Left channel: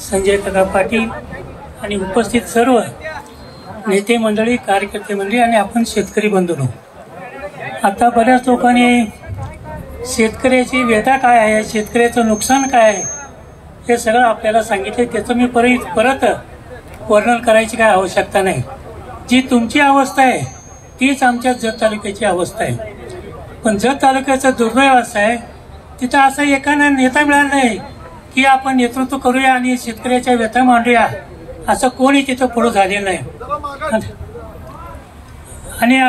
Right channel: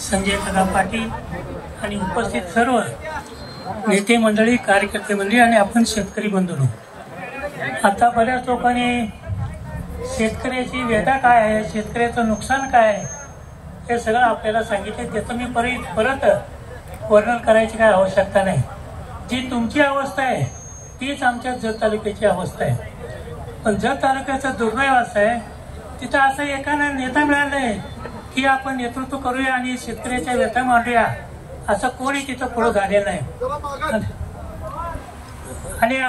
संजय काका पाटील आणि उपस्थित सर्व नेते मंडळी, कार्यकर्ते मंडळी आणि आपण शेतकरी बंधूंनो, आता बऱ्याच लोकांनी शेतकऱ्याची व्यथा काय आहे, शेतकऱ्याचं नुकसान काय आहे हे सगळं आपल्याला सांगितले. त्याचं मी परत वर्णन करायची काय आवश्यकता नाही. जी तुमची अवस्था आहे तीच आमच्या जत तालुक्याची अवस्था आहे. पण जत तालुक्याचा दुर्दैव असं आहे, तिथं असं एकाला नेता मिळाला नाही की आपण नेतृत्व करूया आणि शेतकऱ्याच्या व्यथा मांडूया, असं कोणी तिथं पुढे झालेलं नाही. आणि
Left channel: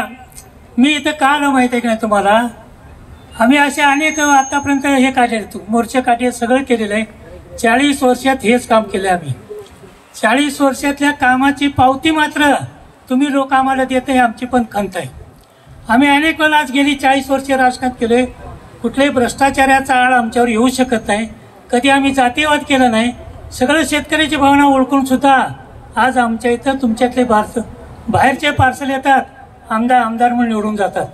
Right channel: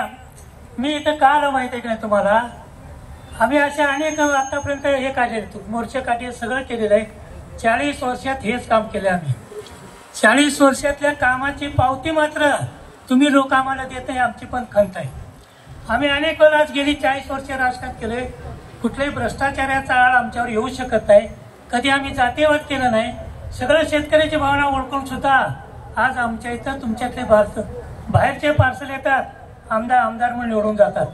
मी इथं का आलो माहिती आहे की नाही तुम्हाला, आम्ही असे अनेक आतापर्यंत हे काढले, मोर्चे काढले, सगळं केलेलं आहे. 40 वर्षात हेच काम केलं आम्ही. 40 वर्षातल्या कामाची पावती मात्र तुम्ही लोक आम्हाला देत आहे, आमची पण खंत आहे. आम्ही अनेक वेळा आज गेली 40 वर्ष राजकारण केले. कुठल्याही भ्रष्टाचाराचा आळ आमच्यावर येऊ शकत नाही. कधी आम्ही जातीयवाद केला नाही. सगळं शेतकऱ्याची भावना ओळखून सुद्धा आज आमच्या इथं तुमच्यातले बाहेरचे पार्सल येतात, आमदार म्हणून निवडून जातात.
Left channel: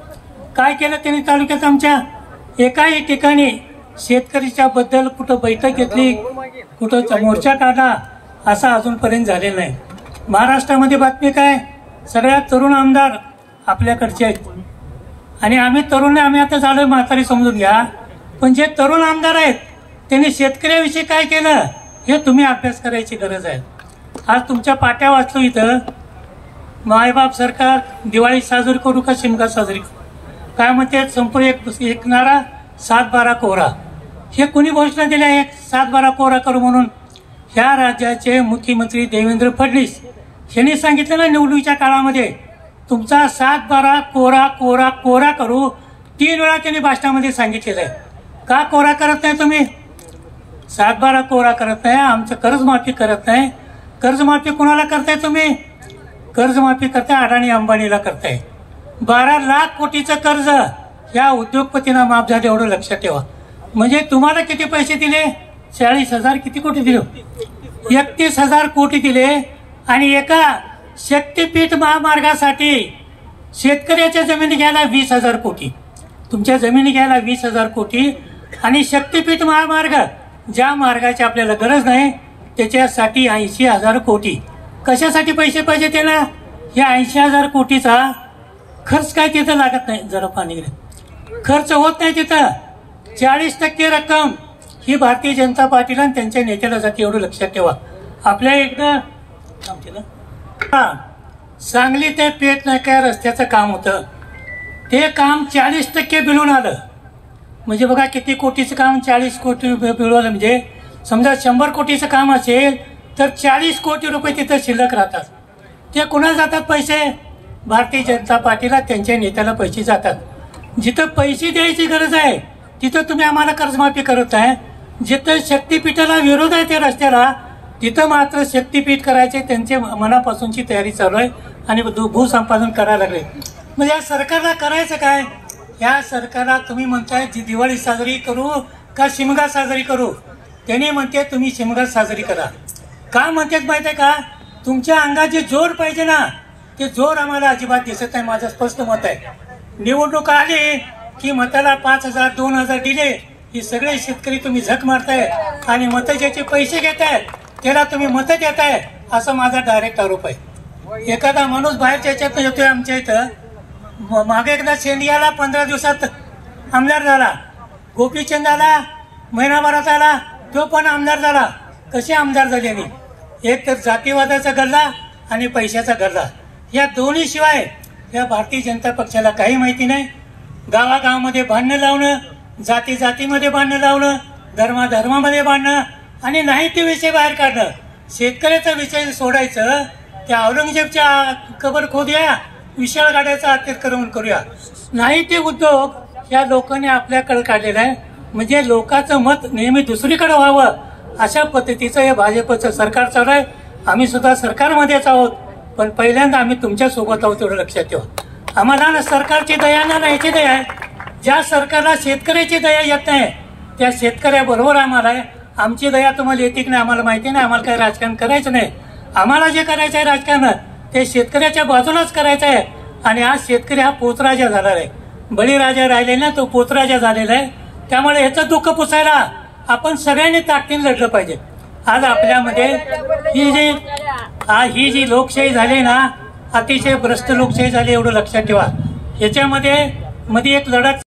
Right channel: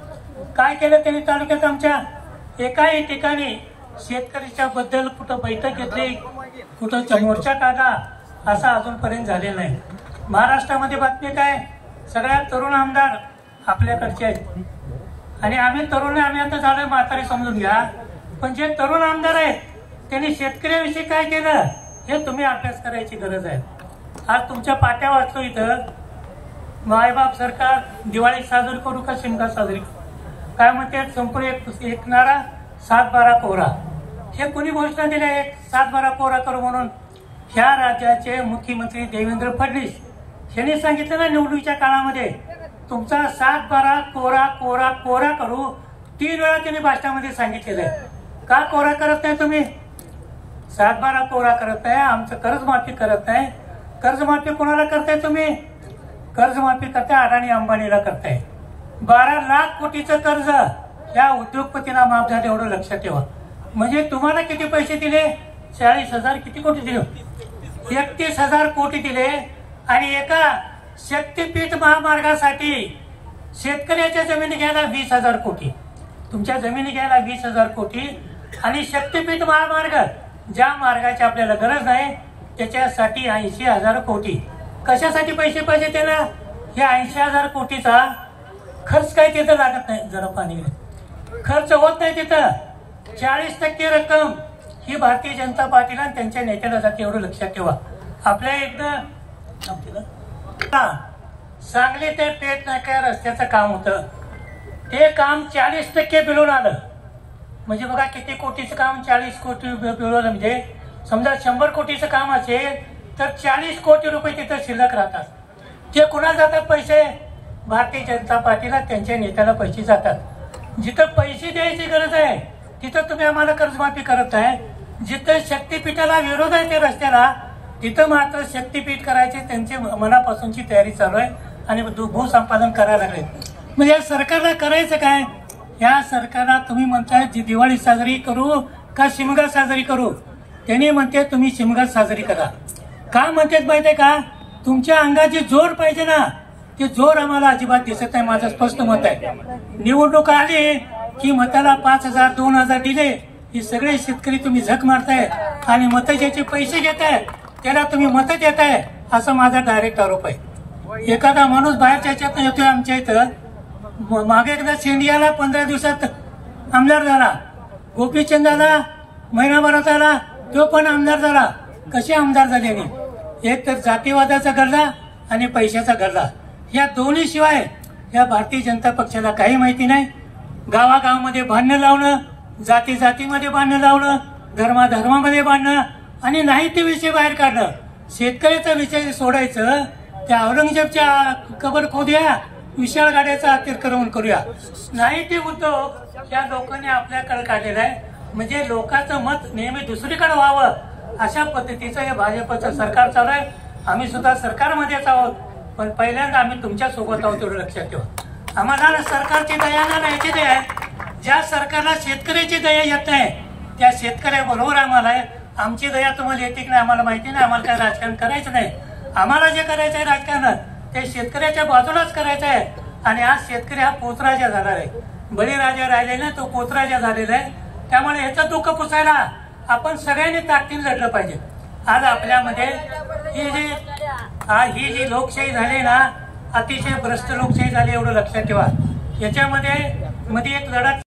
काय केलं त्यांनी तालुक्यात आमच्या? एकाही ठिकाणी शेतकऱ्याच्या बद्दल कुठं बैठक घेतली, कुठं मोर्चा काढला, असा अजूनपर्यंत झालेला नाही. महाराष्ट्रामध्ये बातमी काय, सगळ्यात तरुण आमदार आपल्याकडचे आहेत. आणि आम्ही तरुण, आम्ही आता झालं म्हातारी समजून घ्या, पण जे तरुण आमदार आहेत त्यांनी शेतकऱ्याविषयी काय केलं हे तुम्ही अभ्यास करायची गरज आहे. आज तुमच्या पाट्या वाचलो इथं, मायबाप सरकार दिवाळी साजरी करू का शिमगा साजरी करू, काय म्हणते, संपूर्ण एक नारा 7-12 कोरा. हे कुणी घोषणा दिल्या आहेत 7-12 कोरा करू म्हणून? ह्या राज्याचे मुख्यमंत्री देवेंद्र फडणवीस यांनी सांगितलं ना, निवडणुकीच्या काळामध्ये तुमचा 7-12 कोरा कोरा कोरा करू. 3 वेळा त्यांनी भाषणामध्ये सांगितलेलं आहे. का कोरा करत नाही तुम्ही? 7-12 कोरा करत नाही, आमचं कर्जमाफी करत नाही. कर्जमाफी कुणाला करताय तुम्ही? कर्जमाफी करताय अडाणी अंबानीला करताय. 12 लाख कोटीचं कर्ज या उद्योगपतींना माफ झालं, एवढं लक्षात ठेवा. म्हणजे तुम्हाला किती पैसे दिले? 40,000 किती कोटी दिले? 31,000 कोटी दिले. आणि एका शक्तीपीठ महामार्गासाठी शेतकऱ्याच्या जमिनी घ्यायला 20,000 कोटी, तुमच्या जमिनी घ्यायला 20,000 कोटी. आणि शक्तीपीठ महामार्ग, ज्या मार्गाची आपल्याला गरज नाही त्याच्यासाठी 80,000 कोटी. कशासाठी पैसे पाहिजे त्याला? या 80,000 कोटीचा खर्च काय तिथं लागत नाही. जरा पाणी खर्च होत नाही तिथं. 40% रक्कम ही भारतीय जनता पार्टीला आणि त्यांच्या नेत्याला जाते, एवढं लक्षात ठेवा. आपल्या एकदा सांगली ते पेठ नाका रस्त्याचं काम होतं, ते काम 40% बिलून आलं. म्हणजे बघा किती कोटीचं काम, 40 कोटी बिलवलं. म्हणजे समजा 100 कोटीचं काम असेल तर 40 कोटी रुपये तिथं शिल्लक राहतात. ते कुणाला जातात पैसे? भारतीय जनता पार्टीला, त्यांच्या नेत्याला पैसे जातात. जिथं पैसे द्यायची गरज आहे तिथं तुम्ही आम्हाला कर्जमाफी करत आहे. जिथं शक्तीपीठाला विरोध आहे त्या रस्त्याला, तिथं मात्र शक्तीपीठ करायचे त्यांचे मनापासूनची तयारी चालू आहे आणि भूसंपादन करायला लागले. म्हणजे या सरकारला करायचं काय? या सरकारला तुम्ही म्हणताय दिवाळी साजरी करू का शिमगा साजरी करू? त्यांनी म्हणते तुम्ही शिमगा साजरी करा. का म्हणतात माहितीये का? तुमच्या अंगाची जोर पाहिजे ना, ते जोर आम्हाला अजिबात दिसत नाही. माझं स्पष्ट मत आहे. निवडणूक आली की मताला 5,000 2,000 दिले, हे सगळे शेतकरी तुम्ही झक मारताय आणि मत ज्याचे पैसे घेताय त्याला तुम्ही मत देताय, असं माझा डायरेक्ट आरोप आहे. एखादा माणूस बाहेरच्या ह्याच्यात येतोय, आमच्या इथं मागे एकदा शेंडियाला 15 दिवसात आमदार झाला, गोपीचंदाला महिनाभरात आला, तो पण आमदार झाला. कसे आमदार झाले? एक तर जातीवादाचा गल्ला आणि पैशाचा गल्ला, या दोन्ही शिवाय या भारतीय जनता पक्षाला काही माहिती नाही. गावागावामध्ये भांडणं लावणं, जाती जातीमध्ये भांडणं लावणं, धर्माधर्मामध्ये भांडणं आणि नाही ते विषय बाहेर काढणं. शेतकऱ्याचा विषय सोडायचं, त्या औरंगजेबच्या कबर खोदूया, विशाळ गाड्याचा अतिक्रमण करूया, नाही ते उद्योग या लोकांनी आपल्याकडे काढलेला आहे. म्हणजे लोकांचं मत नेहमी दुसरीकडे व्हावं अशा पद्धतीचं हे भाजपचं सरकार चालू आहे. आम्ही सुद्धा सरकारमध्येच आहोत, पण पहिल्यांदा आम्ही तुमच्या सोबत आहोत, एवढं लक्षात ठेवा. आम्हाला ना सरकारची दया ना याची दया आहे. ज्या सरकारला शेतकऱ्याची दया येत नाही त्या शेतकऱ्याबरोबर आम्हाला आहे. आमची दया तुम्हाला येते की नाही आम्हाला माहिती नाही. आम्हाला काय राजकारण करायचं नाही. आम्हाला जे करायचं आहे राजकारण ते शेतकऱ्याच्या बाजूलाच करायचं आहे. आणि आज शेतकरी हा पोतराजा झाला आहे, बळीराजा राहिले ना, तो पोतराजा झालेला आहे. त्यामुळे याचं दुःख पुसायला आपण सगळ्यांनी ताकदीने लढलं पाहिजे. आज आपल्यामध्ये ही जी लोकशाही झाली ना, अतिशय भ्रष्ट लोकशाही झाली, एवढं लक्षात ठेवा. याच्यामध्ये एक लढत